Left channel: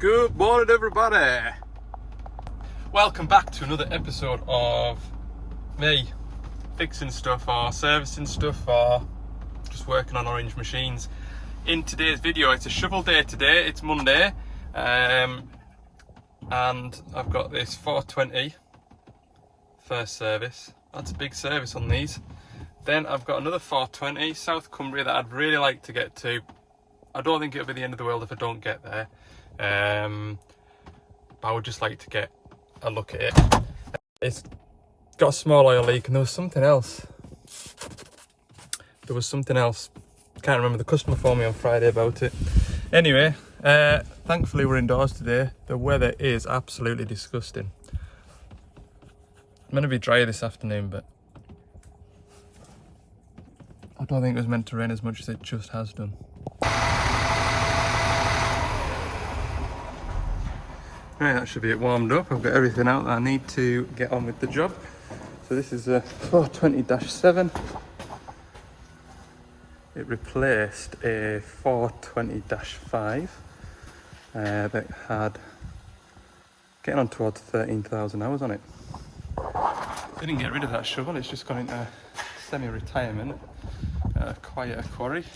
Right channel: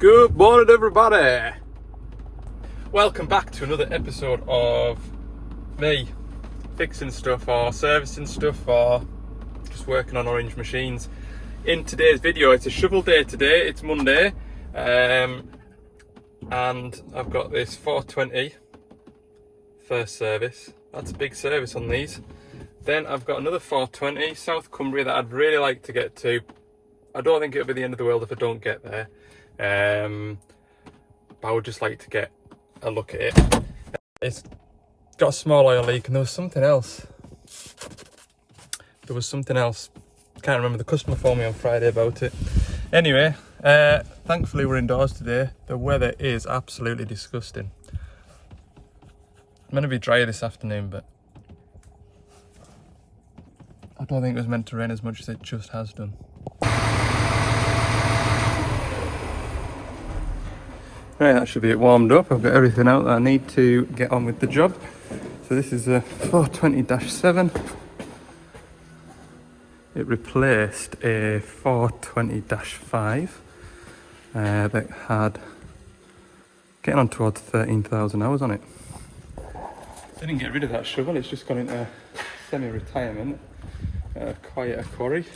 Good morning, everybody. Welcome back to another episode of me fixing stuff or servicing stuff or just working on orange machines. In today's video, it's a shovel day today. It's Monday, and I've got this 420 first service. That's a big service on these. Then I've got another 420 South Cumbria that I'd really like to get to. I don't think it'll be the end of the world if I don't get there. But I would just like to get a look at it. It's got a small oil leak, and there was something else. Can't remember. The customer phoned me on Friday about it. Anyway, thankfully we're indoors today. The weather is absolutely disgusting. It's meant to be drier this afternoon, but I don't think it was meant to rain as much as it just has done. Right, that should be it warmed up. I've got everything out that I need to get on with the job. So this is a 420-7. It replaced a 420-5 that had getting on towards 13,000 hours on it. Didn't get rid of that shovel, it's just gone into semi-retirement, quite a quarry.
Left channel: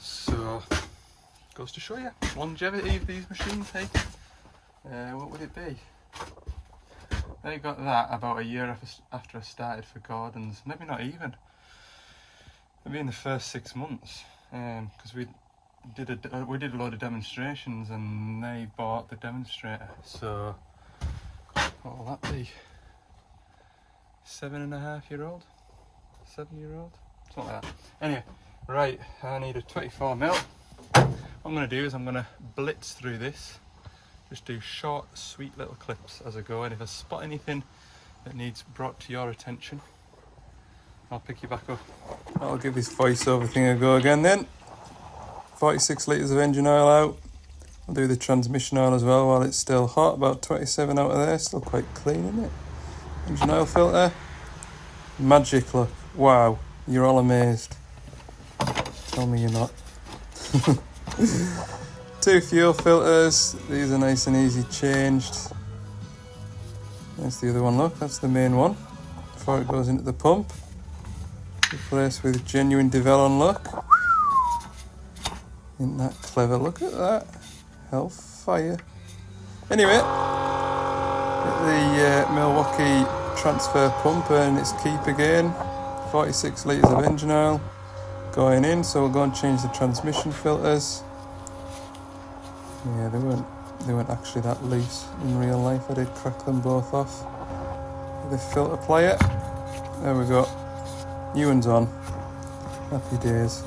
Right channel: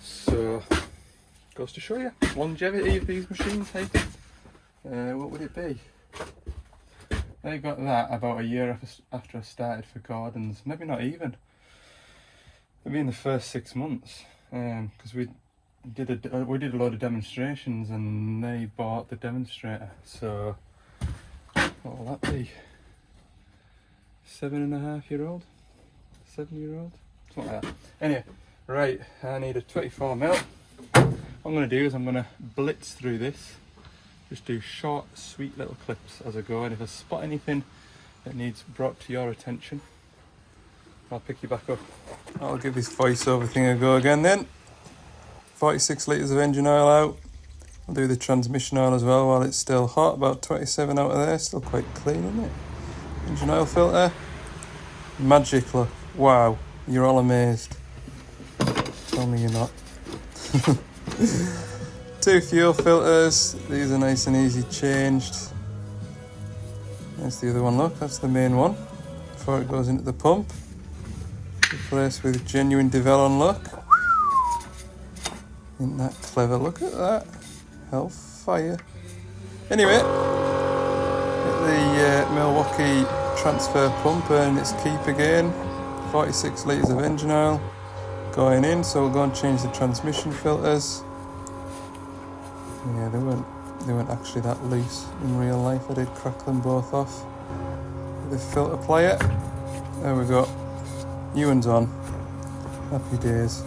So goes to show you longevity of these machines. Hey, what would it be? They got that about a year after I started for Gordon's. Maybe not even. Maybe in the first 6 months, because we did a load of demonstrations, and they bought the demonstrator. So what will that be? 7.5-year-old, 7-year-old, something like that. Anyway, right. I need a 24mm. What I'm going to do is I'm going to blitz through this, just do short, sweet little clips as I go, and if I spot anything that needs brought to your attention, I'll pick you back up. I'll give this voiceover thing a go again then. 46 litres of engine oil out. I'll do the transmission oil as well while it's still hot, about 27 out of there, still quite clean, isn't it? Engine oil filter. Magic, look. Wow, you're all amazed. Tell me you're not. 2 fuel filters, these are nice and easy changed. There's the other one, look, that's the main one before it goes into the pump. Replaced with genuine Devellon look. Isn't that clever? Look at that. Hellfire. Anyway, the Milwaukee transfer pump and its keep again. 46 litres of engine oil going in, so we'll go and change the transmission filters. Yeah, they weren't actually that loose in real life. I did crack them both off with a filter plier. There we go. New one's on. Happy days.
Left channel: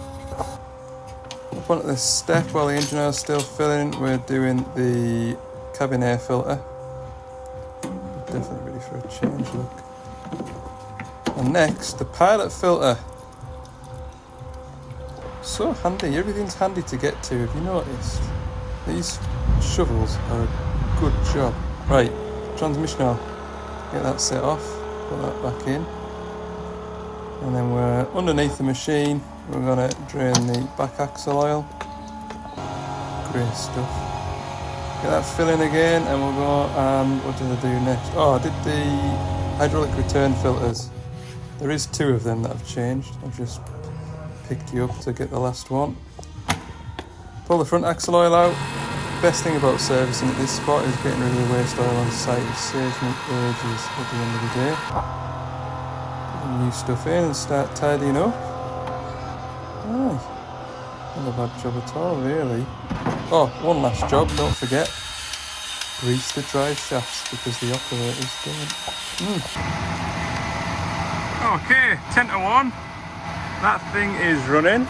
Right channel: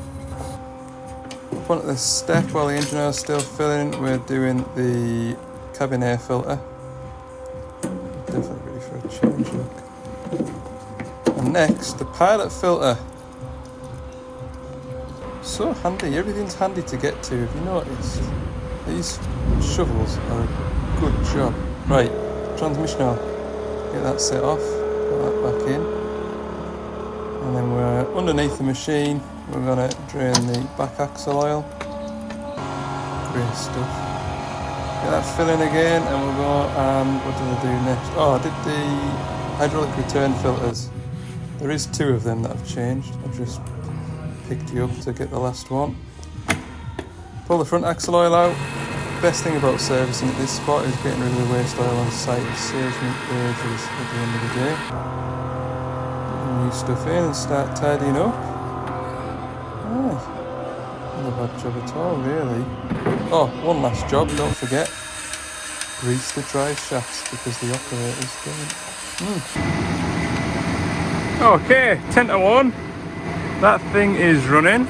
Up onto this step while the engine oil's still filling, we're doing the cabin air filter. Definitely ready for a change, look. And next, the pilot filter. So handy, everything's handy to get to, have you noticed? These shovels are a good job. Right, transmission oil. Get that set off, put that back in. And then we're underneath the machine. We're going to drain the back axle oil. Great stuff. Get that filling again, and we'll go and what did I do next? Oh, I did the hydraulic return filters. There is 2 of them that I've changed. I've just picked you up to get the last one. Pull the front axle oil out. Best thing about servicing at this spot is getting rid of the waste oil on site. It saves me ages at the end of the day. Put the new stuff in and start tidying up. Aye, not a bad job at all, really. Oh, one last job, don't forget. Grease the drive shafts because the operators don't. Okay, 10 to 1. That thing is running.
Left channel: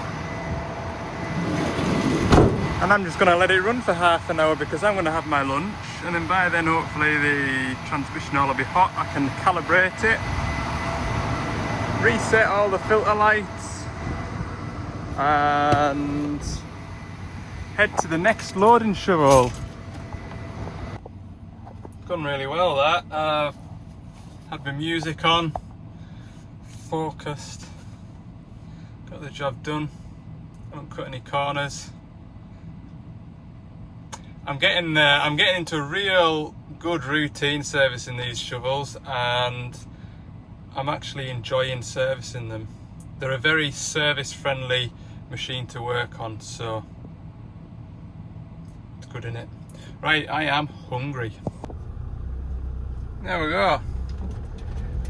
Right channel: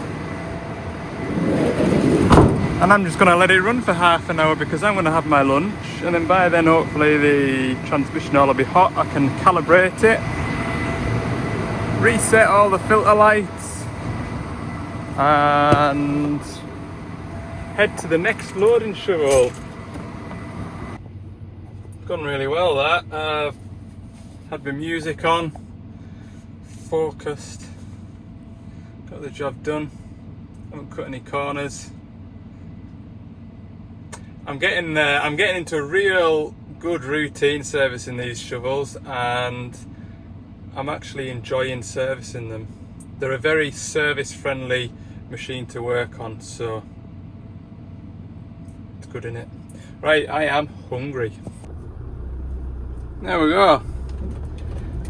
And I'm just going to let it run for half an hour because I'm going to have my lunch, and then by then hopefully the transmission oil will be hot. I can calibrate it, reset all the filter lights, and head to the next loading shovel. Gone really well that. I've had my music on, focused, got the job done, haven't cut any corners. I'm getting into real good routine servicing these shovels, and I'm actually enjoying servicing them. They're a very service friendly machine to work on, so it's good, innit? Right, I am hungry. There we go.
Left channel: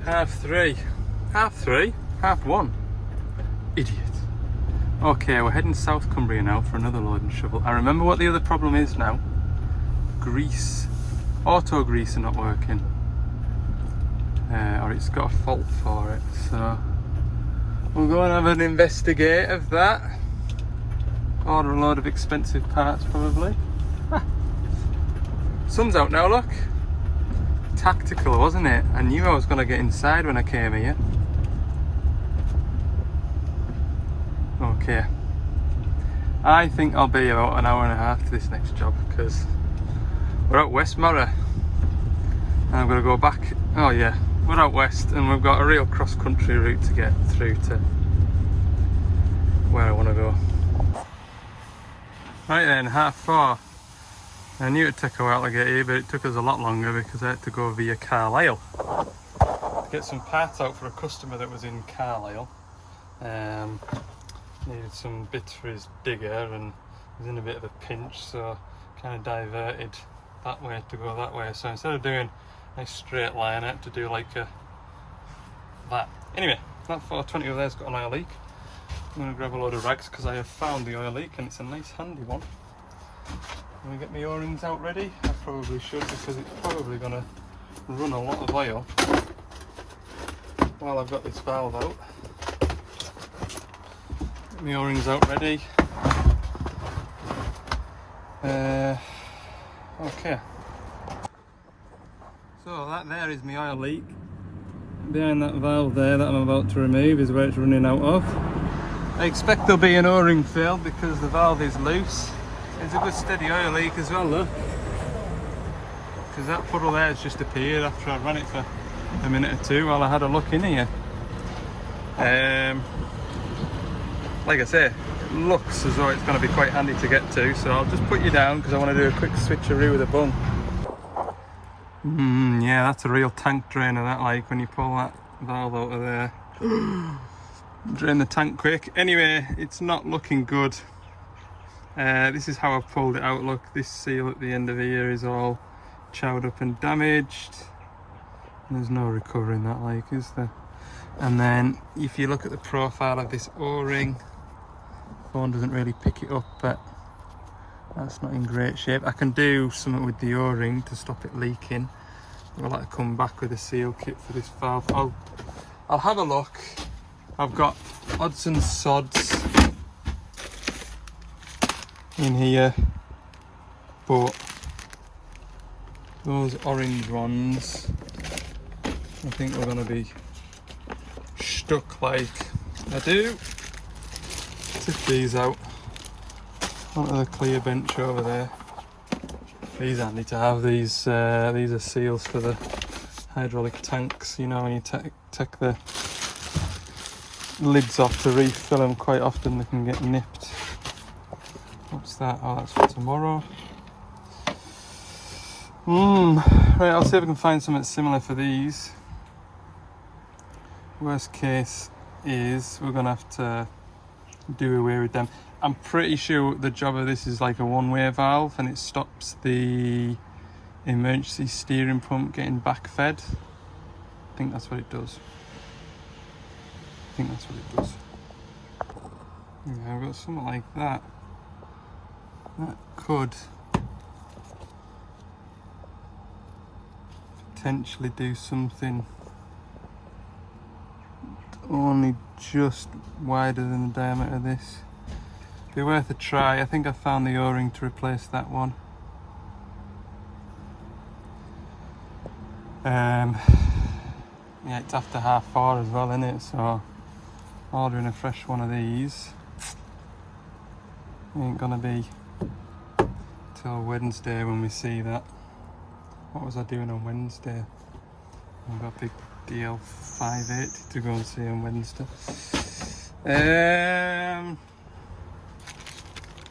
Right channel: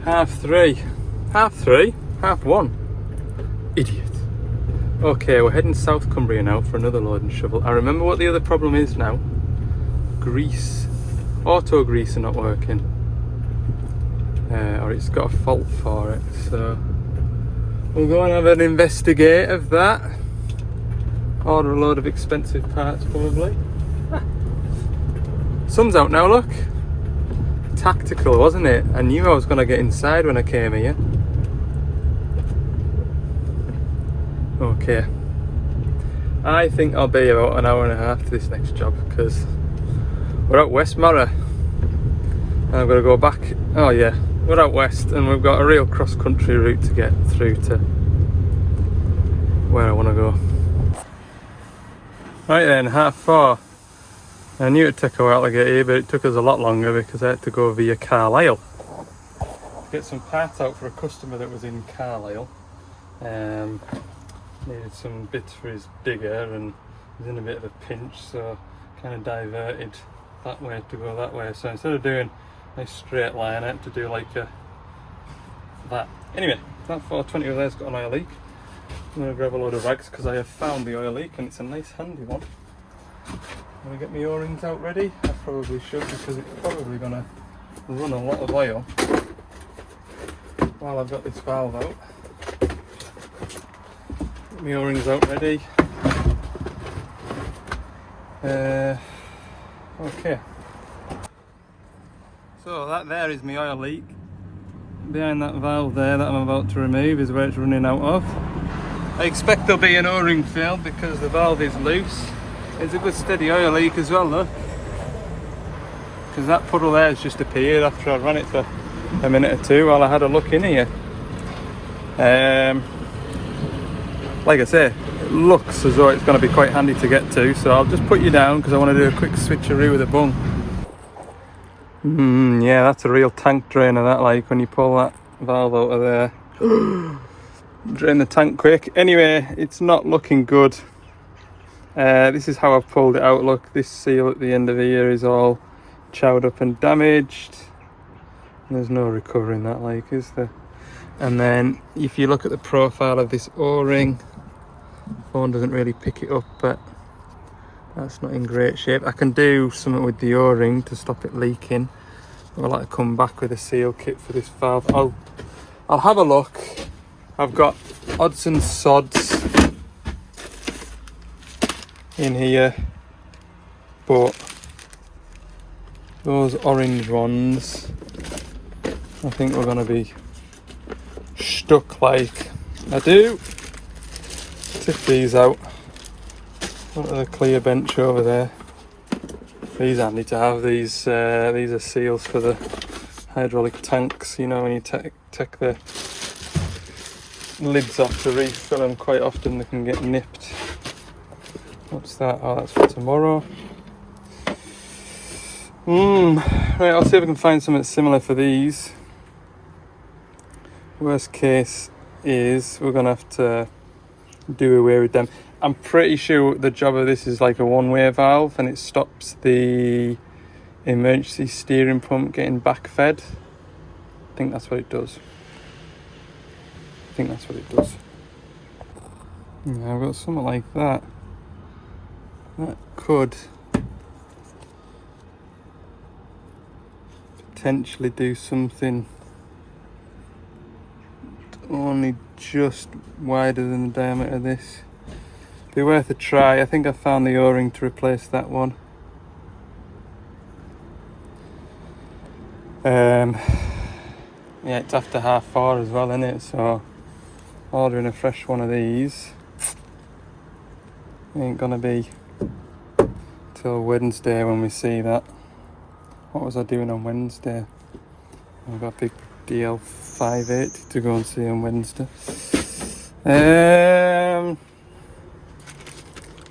3:30. 3:30? 1:30? Idiot. Okay, we're heading South Cumbria now for another load and shovel. I remember what the other problem is now. Grease. Auto grease are not working. Or it's got a fault for it, so we'll go and have an investigate of that. Order a load of expensive parts probably. Sun's out now, look. Tactical, wasn't it? I knew I was going to get inside when I came here. Okay. I think I'll be about an hour and a half to this next job, because we're at Westmorrow. And I've got to go back. Oh yeah, we're out west and we've got a real cross-country route to get through to where I want to go. Right then, 4:30. I knew it'd take a while to get here, but it took us a lot longer because I had to go via Carlisle. Get some parts out for a customer that was in Carlisle. Needed some bits for his digger and he's in a bit of a pinch, so kind of diverted that way to go that way. So instead of doing a straight line, I had to do like that. Anyway, that 420 over there's got an oil leak. I'm going to grab a load of rags because I have found the oil leak and it's a nice handy one. I'm going to get my O-rings out ready. I probably should, because it's probably going to run a lot of oil while I've got this valve out. Get my O-rings out ready. Okay. So that there is my oil leak. Behind that valve there that I'm about to remove is where it's running out of. I expect there'll be an O-ring fail because the valve is loose. It's a good steady oil leak as well though, because that puddle there has just appeared after I ran it for a minute or two while I had a look in here. Like I say, it looks as though it's going to be quite handy to get to, so I'll just put you down because I want to do a quick switcheroo with a bung. Yeah, that's a real tank drainer, that, like when you pull that valve out of there. Drain the tank quick. Anyway, it's not looking good. This is how I've pulled it out. Look, this seal at the end of here is all chowed up and damaged. There's no recovering that, like, is there? And then if you look at the profile of this O-ring, phone doesn't really pick it up, but that's not in great shape. I can do something with the O-ring to stop it leaking. I'll like to come back with a seal kit for this valve. I'll have a look. I've got odds and sods in here, but those orange ones I think we're going to be stuck like. I do. Tip these out onto the clear bench over there. These handy to have. These are seals for the hydraulic tanks, you know, when you take the lids off to refill them, quite often they can get nipped. What's that? Oh, that's for tomorrow. Right, I'll see if I can find something similar for these. Worst case is we're gonna have to do away with them. I'm pretty sure the job of this is like a one-way valve and it stops the emergency steering pump getting backfed. I think that's what it does. Yeah, I've got something like that. That could potentially do something only just wider than the diameter of this. Be worth a try. I think I found the O-ring to replace that one. Yeah, it's after 4:30 as well, isn't it? So ordering a fresh one of these ain't gonna be till Wednesday when we see that. What was I doing on Wednesday? I've got a big DL580 to go and see on Wednesday.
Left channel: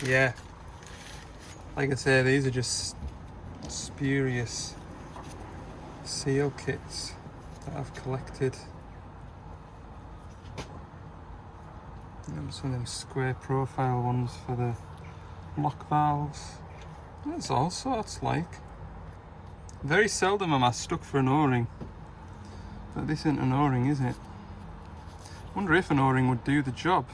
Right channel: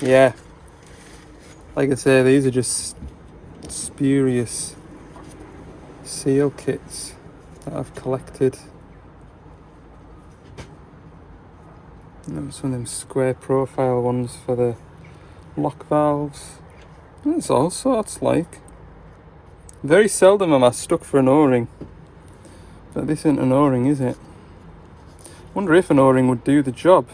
Yeah, Like I say, these are just spurious seal kits that I've collected. And some of them square profile ones for the lock valves. There's all sorts, like. Very seldom am I stuck for an O-ring. But this isn't an O-ring, is it? Wonder if an O-ring would do the job.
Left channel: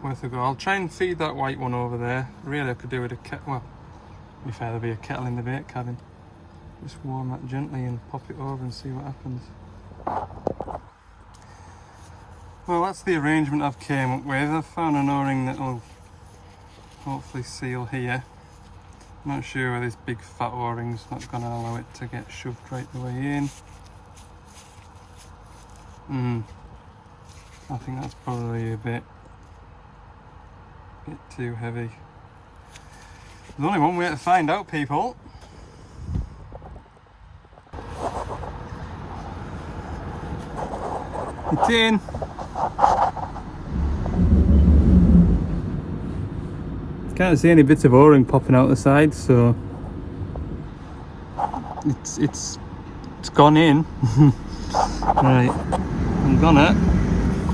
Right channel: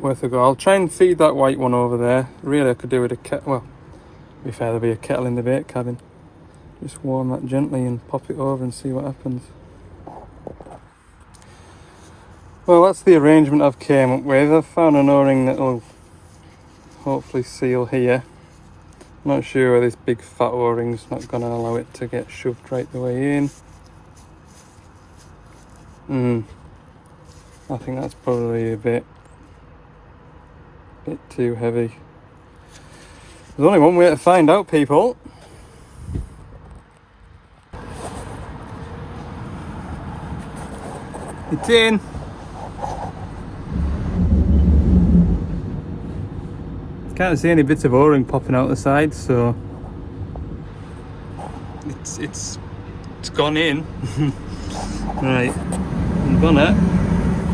Worth a go. I'll try and feed that white one over there. Really, I could do with a kettle. Well, to be fair, there'll be a kettle in the bait cabin. Just warm that gently and pop it over and see what happens. Well, that's the arrangement I've came up with. I've found an O-ring that'll hopefully seal here. I'm not sure whether this big fat O-ring's not going to allow it to get shoved right the way in. I think that's probably a bit too heavy. There's only one way to find out, people. It's in. Can't see any bits of O-ring popping out the side, so it's gone in. Right, I'm gonna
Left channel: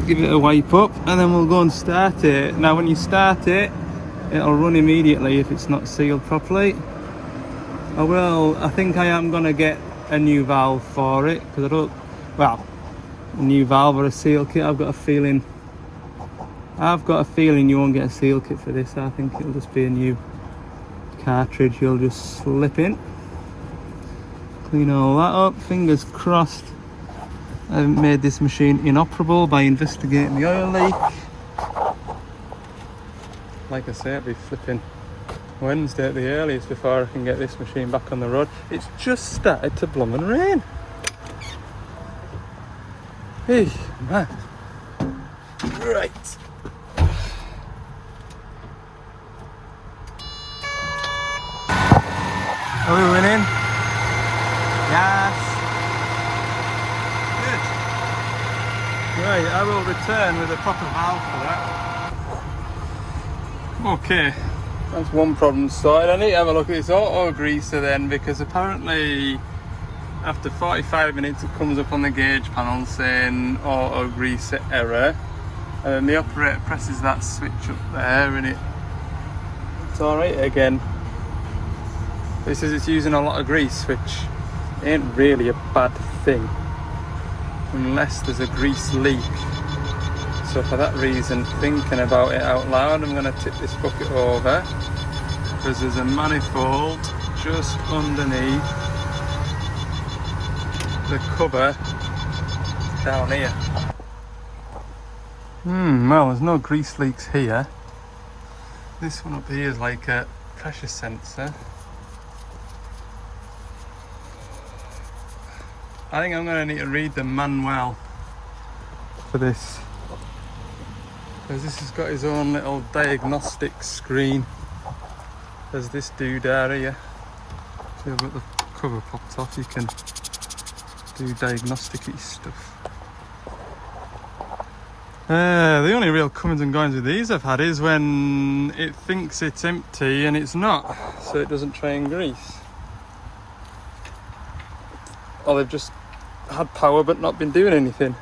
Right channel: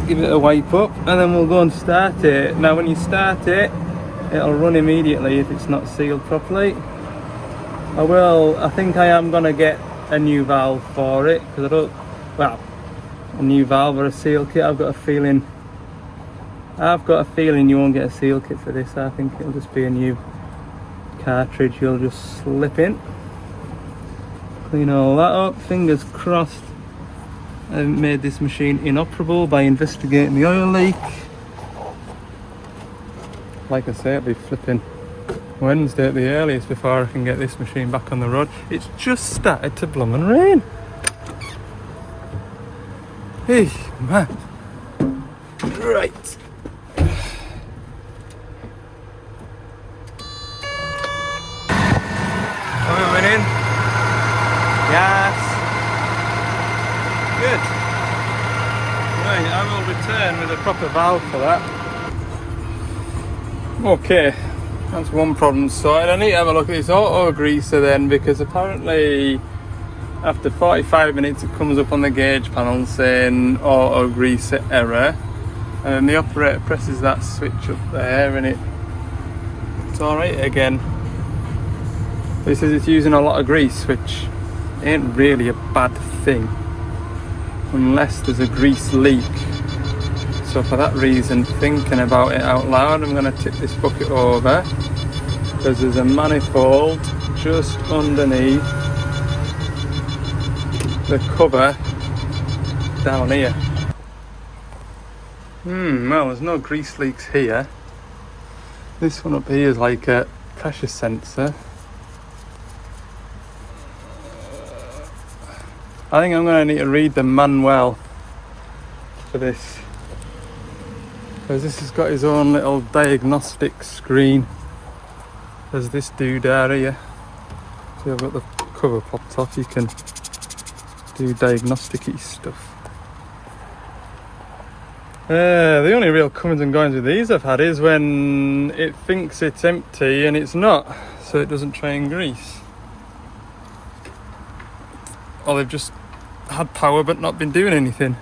give it a wipe up and then we'll go and start it. Now when you start it, it'll run immediately if it's not sealed properly. I think I am gonna get a new valve for it, because a new valve or a seal kit. I've got a feeling you won't get a seal kit for this. I think it'll just be a new cartridge you'll just slip in. Clean all that up, fingers crossed I haven't made this machine inoperable by investigating the oil leak. Like I say, it'll be flipping Wednesday at the earliest before I can get this machine back on the road. It's just started to blooming rain. Hey, man. Right. Are we winning? Yes. Good. Right, I will return with a proper valve for that. Okay, that's one problem sorted. I need to have a look at this auto greaser then, because apparently after 45 minutes it comes up on the gauge panel saying auto greaser error, and the operator presses that switch up there and it's alright again. This is it's using a lot of grease, which ain't really a bad thing unless there's a grease leak. So for that reason, thinking about it out loud, I'm going to tip this bucket over because there's a manifold just underneath the cover down here. Well, there's no grease leaks here. This one up here is like a pressure sensor. I think I'm going to need to read the manual for this, because this has got his own little diagnostic screen. There's this doodad here. See, I've got the cover popped off. You can do diagnostic-y stuff. The only real comings and goings with these I've had is when it thinks it's empty and it's not, so it doesn't try and grease. Or they've just had power but not been doing anything.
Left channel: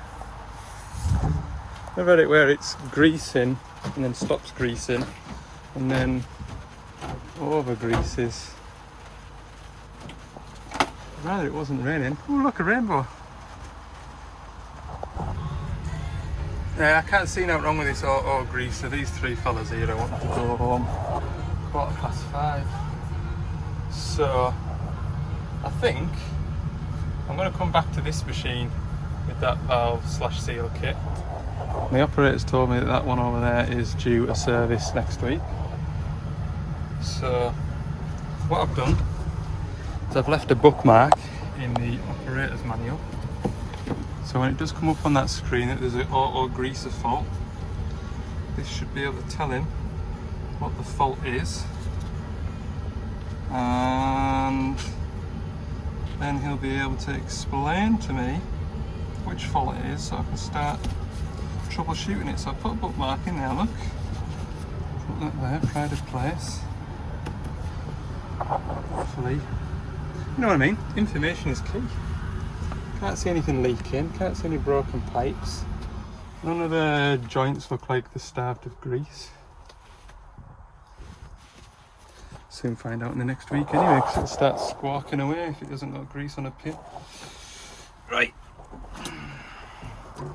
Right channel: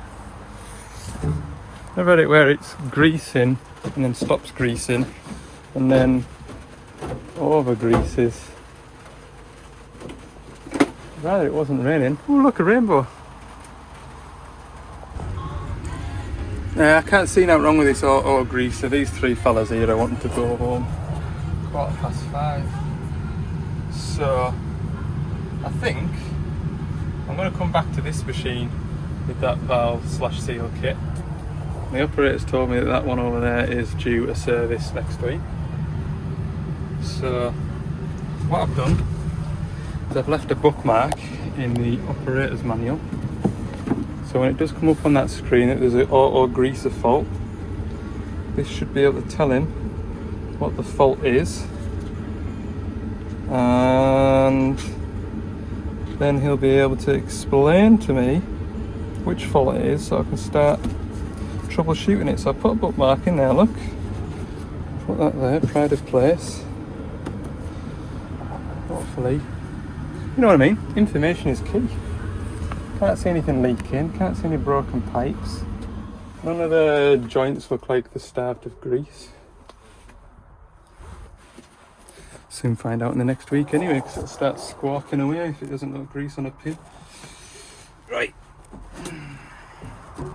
I've had it where it's greasing and then stops greasing and then over greases. Rather it wasn't raining. Oh, look, a rainbow. I can't see nothing wrong with this auto greaser. These three fellas here are wanting to go home. 5:15. So I think I'm going to come back to this machine with that valve / seal kit. The operator's told me that that one over there is due a service next week. So what I've done is I've left a bookmark in the operator's manual. So when it does come up on that screen that there's an auto greaser fault, this should be able to tell him what the fault is. And then he'll be able to explain to me which fault it is, so I can start troubleshooting it. So I put a bookmark in there, look. Put that there, pride of place. Hopefully, you know what I mean? Information is key. Can't see anything leaking, can't see any broken pipes. None of the joints look like they're starved of grease. Soon find out in the next week anyway, because it'll start squawking away if it doesn't got grease on a pin. Right.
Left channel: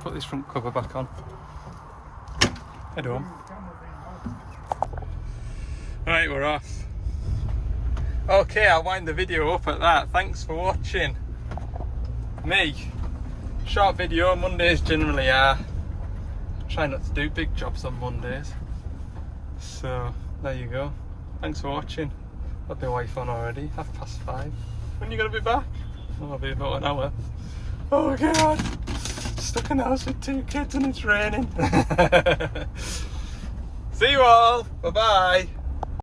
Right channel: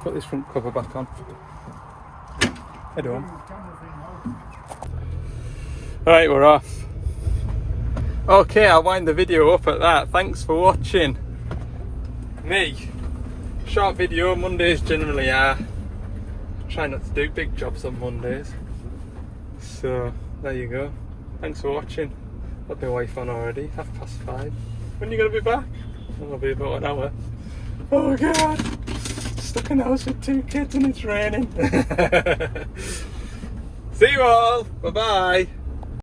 Put this front cover back on. Head home. Right, we're off. Okay, I'll wind the video up at that. Thanks for watching. Me, short video. Mondays generally are. Try not to do big jobs on Mondays. So there you go. Thanks for watching. Got my wife on already. 5:30. When are you gonna be back? Oh, it'll be about an hour. Oh god. Stuck in the house with 2 kids and it's raining. See you all. Bye bye.